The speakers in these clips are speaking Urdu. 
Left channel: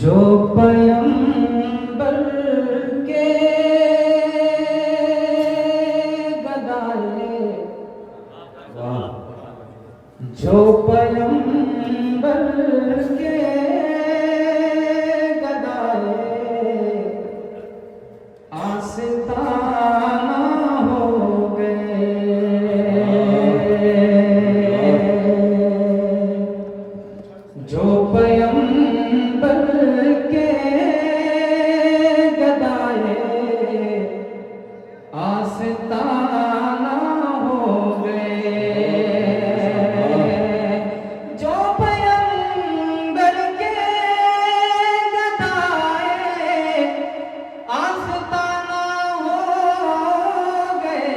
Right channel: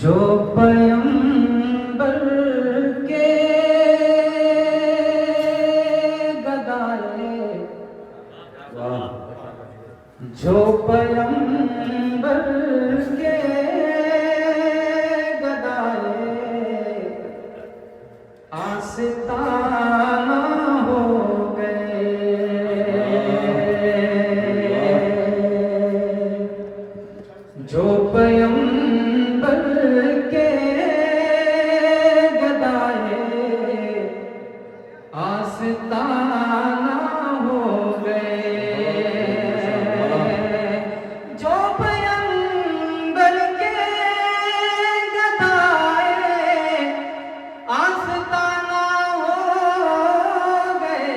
جو پیمبر کے گدائے، جو پیمبر کے گدائے آستانہ ہو گئے، جو پیمبر کے گدائے آستانہ ہو گئے، جو پیمبر کے گدائے آستانہ ہو گئے،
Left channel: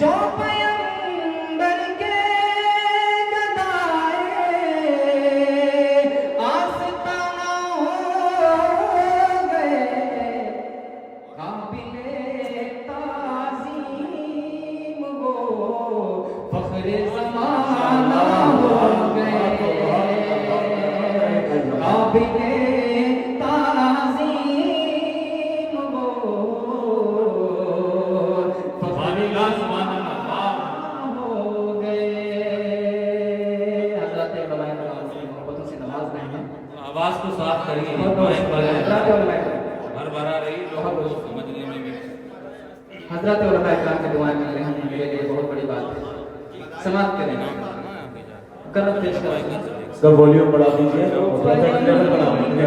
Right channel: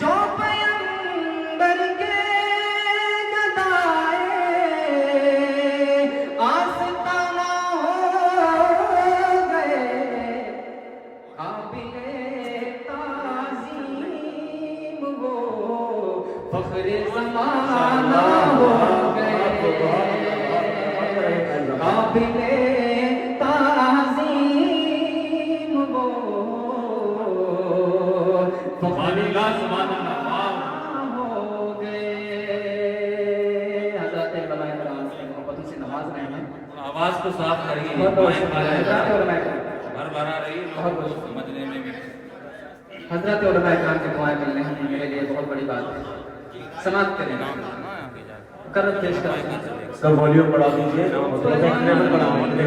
جو پیمبر کے آستانہ ہو گئے، قابل تعظیم وہ فخر زمانہ ہو گئے، قابل تعظیم وہ فخر زمانہ ہو گئے۔ حضرت علماء کرام سے محبتوں سے نواز رہے ہیں، آواز کو صاف کریے، ہر بھرا رہی لوگوں کو سمجھنے میں بھی۔ حضرت علماء کرام کی دعائیں مل رہی ہیں، میرے لیے بہت بڑی بات ہے۔ سماعت کریں، کرم پیش کریں، اس کا والیوم بڑھا دیجیے، لیول بڑھا دیجیے۔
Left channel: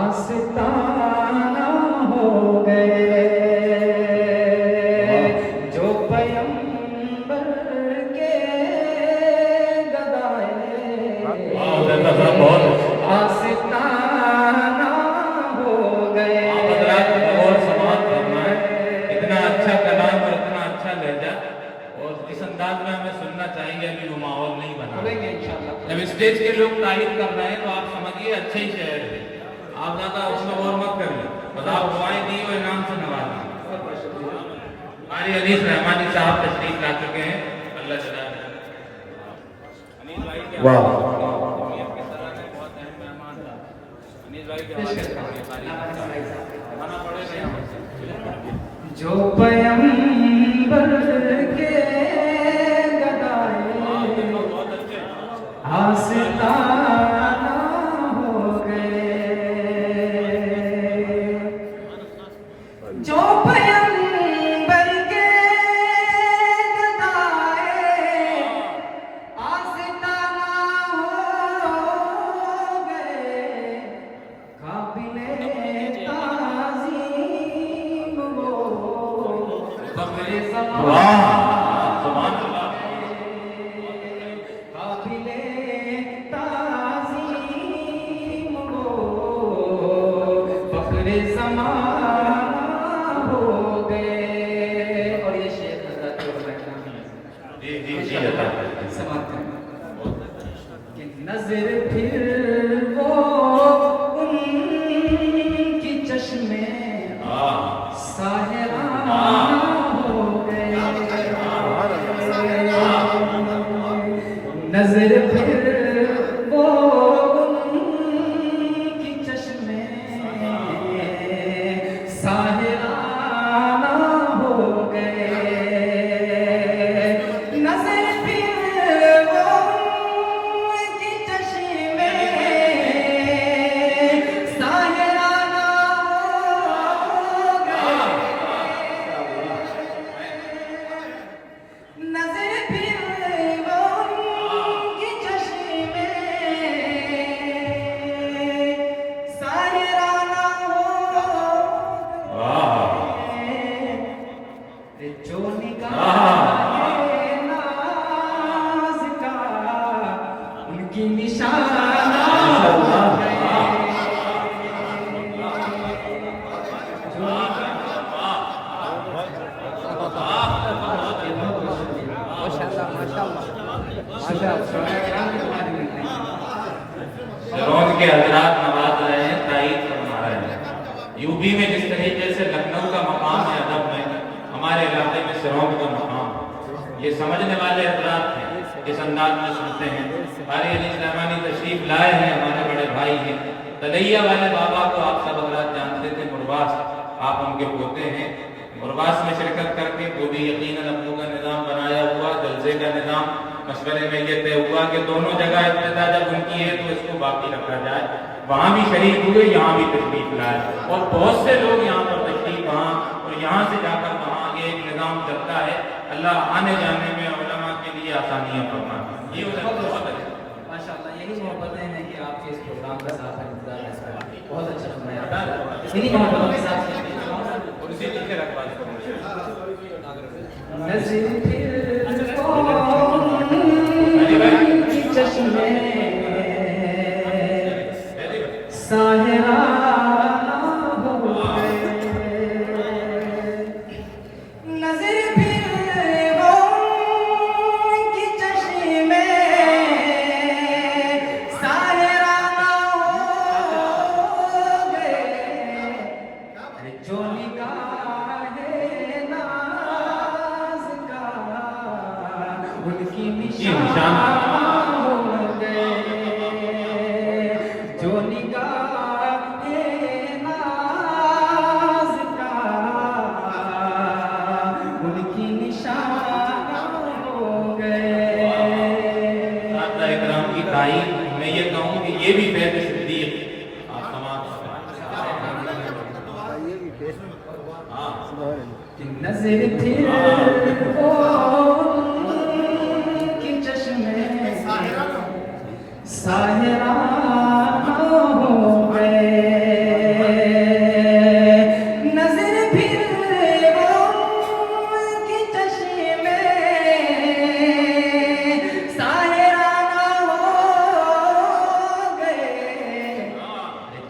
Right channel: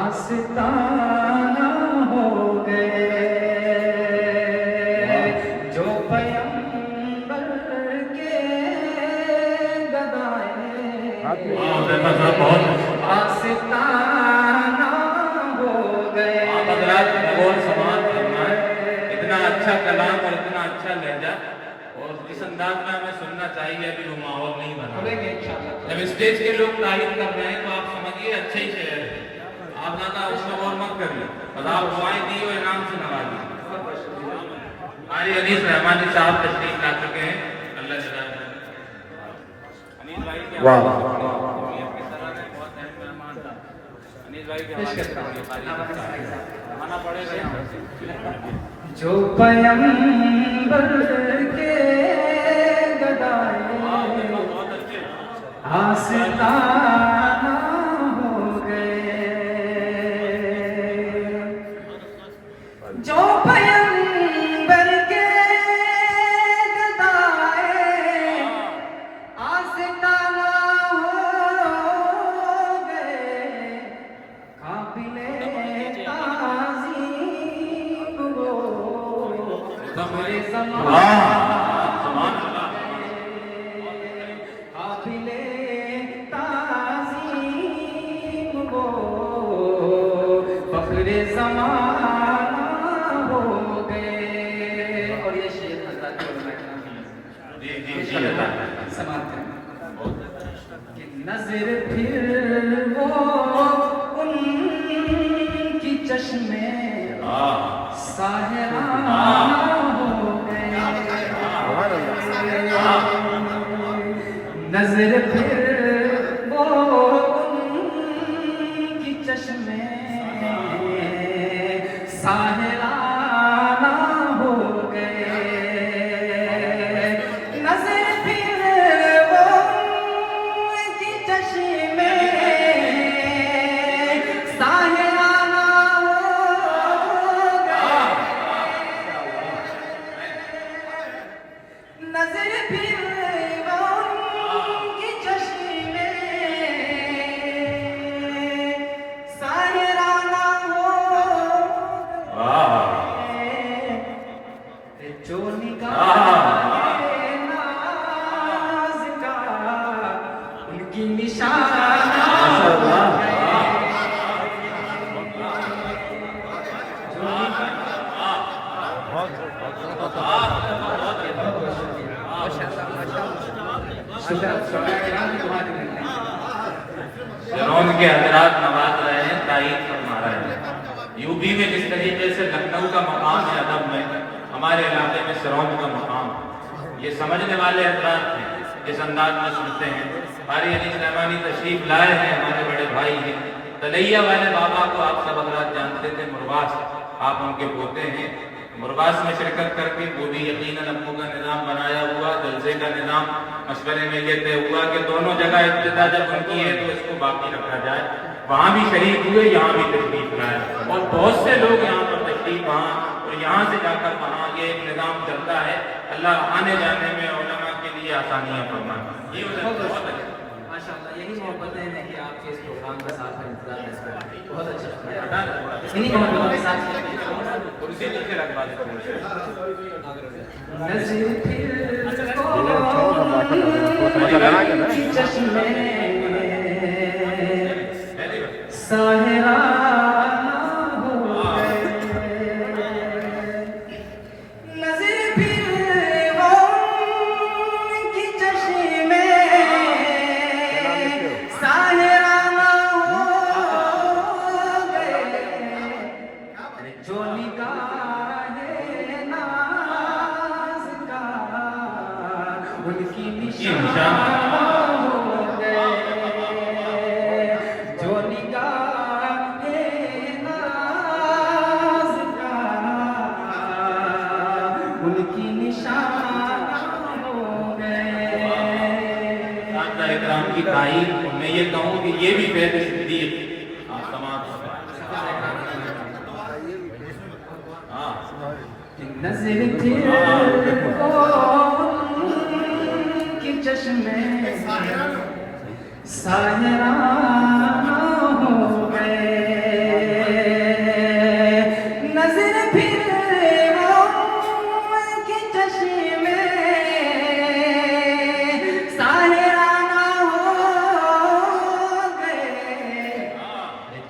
آستانہ ہو گئے، جو پیمبر کے گدائے آستانہ ہو گئے۔ اتنا اچھا کلام اور اتنا اچھا لہجہ اور اس انداز میں ہمیں سننا چاہیے، ابھی وہ ماحول نہیں بنا۔ جب اسٹیج کے لوگ تعریف کر رہے ہیں تو آپ سمجھیے اچھا ہی شعر ہے، آپ زیادہ اس میں اور مت کریے، بس آپ دعائیں دی اور انعام سے نوازیں۔ انیس رحمانی صاحب تشریف لا چکے ہیں، اللہ جزائے خیر۔ انیس بھائی کے حوالے سے امیر کے طرح نے بہت اہم مہمان تھا، انیس بھائی کے حوالے سے آنا پڑے گا یہاں سے۔ جو پیمبر کے گدائے آستانہ ہو گئے، جو پیمبر کے گدائے آستانہ ہو گئے، قابل تعظیم وہ فخر زمانہ، قابل تعظیم وہ فخر زمانہ ہو گئے۔ اور یہ شعر حضرت علماء کرام ہیں، سماعت کریں کہ نظر پھر وہ ان کی چشمے ساحرانہ ہو گئے، نظر پھر وہ ان کی چشمے ساحرانہ ہو گئے، نظر پھر وہ ان کی چشمے ساحرانہ ہو گئے، نظر پھر وہ ان کی چشمے ساحرانہ ہو گئے، جو نگاہ ناز کا ان کی نشانہ ہو گئے، شرون کے حضرات نواز رہے ہیں، تائید فرما رہے ہیں۔ یو پی میں جس طریقے سے لکھنؤ کا مقام ہے ادب میں، ہمارے علاقے میں شرون کا مقام ہے۔ یہ سمجھنے والے حضرات ہیں، اس انداز میں سنتے ہیں۔ قاری علی سلیمانی تشریف لائے ہیں، ہمارے بڑے بھائی ہیں۔ تلیہ والے بابا کو آپ سب حضرات جانتے تھے، مرواس، آپ ان کے پوتے ہیں۔ مرواس میں شرکت کر کے وہ بھی یقیناً ابو کا نظام بنایا ہوا، جلسے کا نظام مشورے میں یہ طے ہوا کہ دونوں جگہ ابتدا جب ان کی ہے تو اس کو باقی رکھا جائے۔ وہاں بھی شریک ہوئے، یہاں بھی تشریف لائے، اور بہت سے لوگ یہاں پر تشریف وہاں اور یہاں سے جا کر وہاں یہ ایک نظام چلتا ہے۔ اللہ آنے جانے میں علماء کے لیے آسانیاں فرمائے۔ یہ بہت اچھا، ماشاءاللہ، یہی محبتیں ہیں کہ آپ کے اس پروگرام کا ساتھ انتظار ہے۔ بہت اچھا فرمایا، انہی محبتوں کے ساتھ کرسی نیچے رکھوا دیتے نظر پھر کی چشمے ساحرہ ہو گئے، نظر پھر کی چشمے ساحرہ ہو گئے، جو نگاہ ناز کا ان کی نشان ہو گئے، جو نگاہ ناز کا ان کی نشان ہو گئے۔ اساتذہ اکرام کی تعریف میں یہ کہوں کہ یہ بھی بید صدیق آپ تمام نظر پھر کی چشمے ساحرہ ہو گئے، نظر پھر کی چشمے ساحرہ ہو گئے،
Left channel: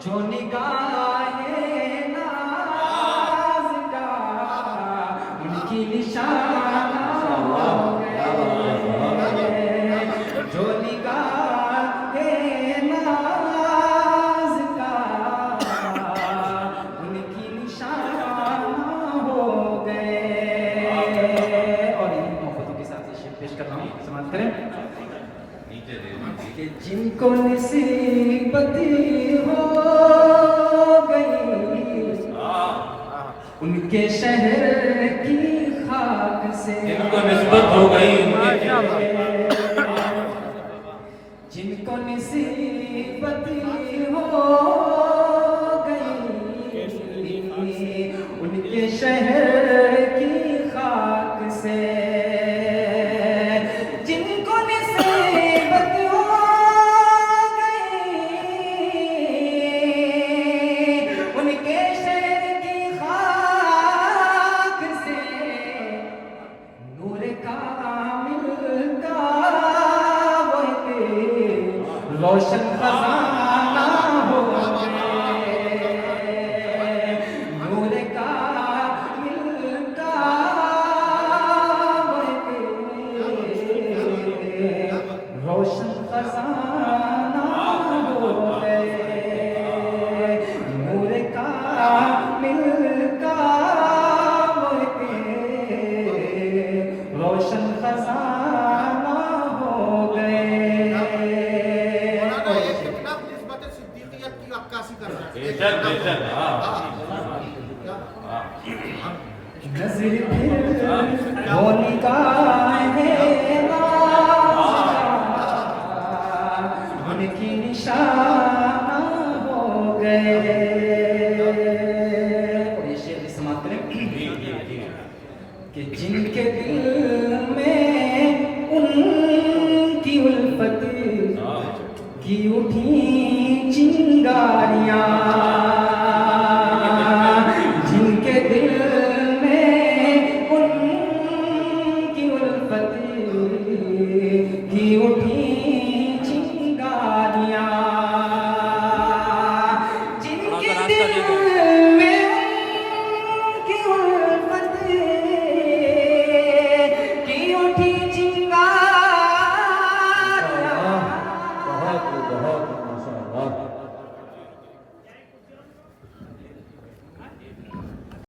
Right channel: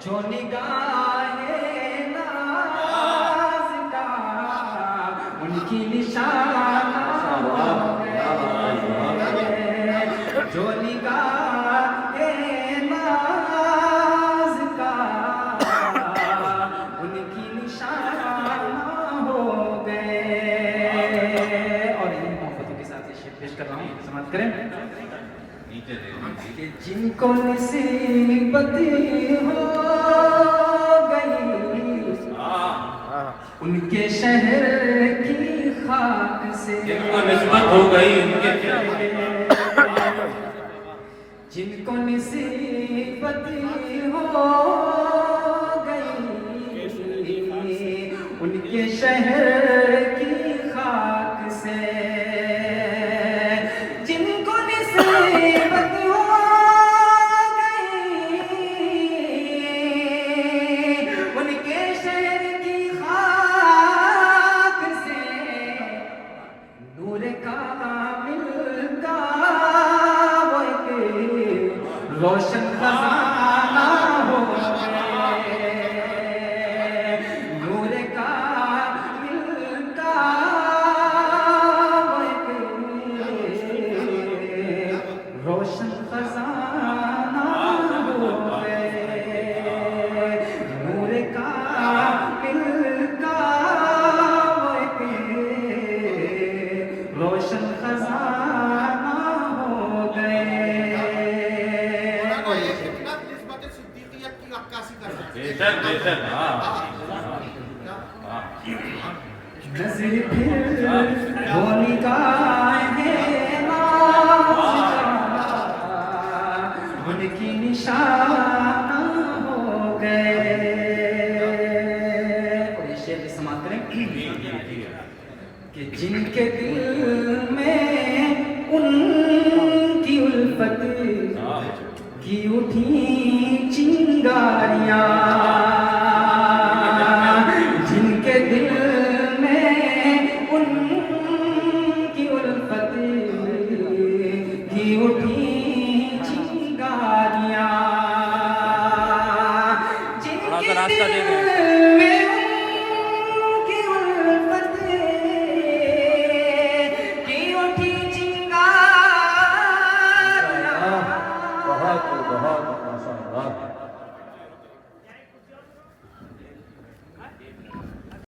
جو نگاہ ناز کا ان کی نشان ہو گئے، جو نگاہ ناز کا ان کی نشان ہو گئے۔ اور ان محبتوں کے ساتھ یہ شعر پیش کر رہا ہوں، سمجھ کریں نیچے دے کہ جن کو نصیبت ہو گئی ان کے شہر کی خاک سے، جن کو نسبت ہو گئی ان کے جن کو نصیبت ہو گئی ان کے شہر کی خاک سے، جن کو نصیبت ہو گئی ان کے شہر کی خاک سے، نور کامل کا وہ ایک روشن خزانہ ہو گئے، نور کامل کا وہ ایک روشن خزانہ ہو گئے، نور کامل کا وہ ایک روشن خزانہ ہو گئے۔ مولانا ایک کتاب نسبت صدیقیت کی عکاسی کر رہا ہے۔ بے شک بے شک، ہاں نظر پھر وہ نگاہ ناز کا ان کی نشان ہو گئے۔ اور یہ شعر سماعت کریں کہ جن کے دل میں ان کی الفت کی اٹھی چنگاریاں، جن کے دل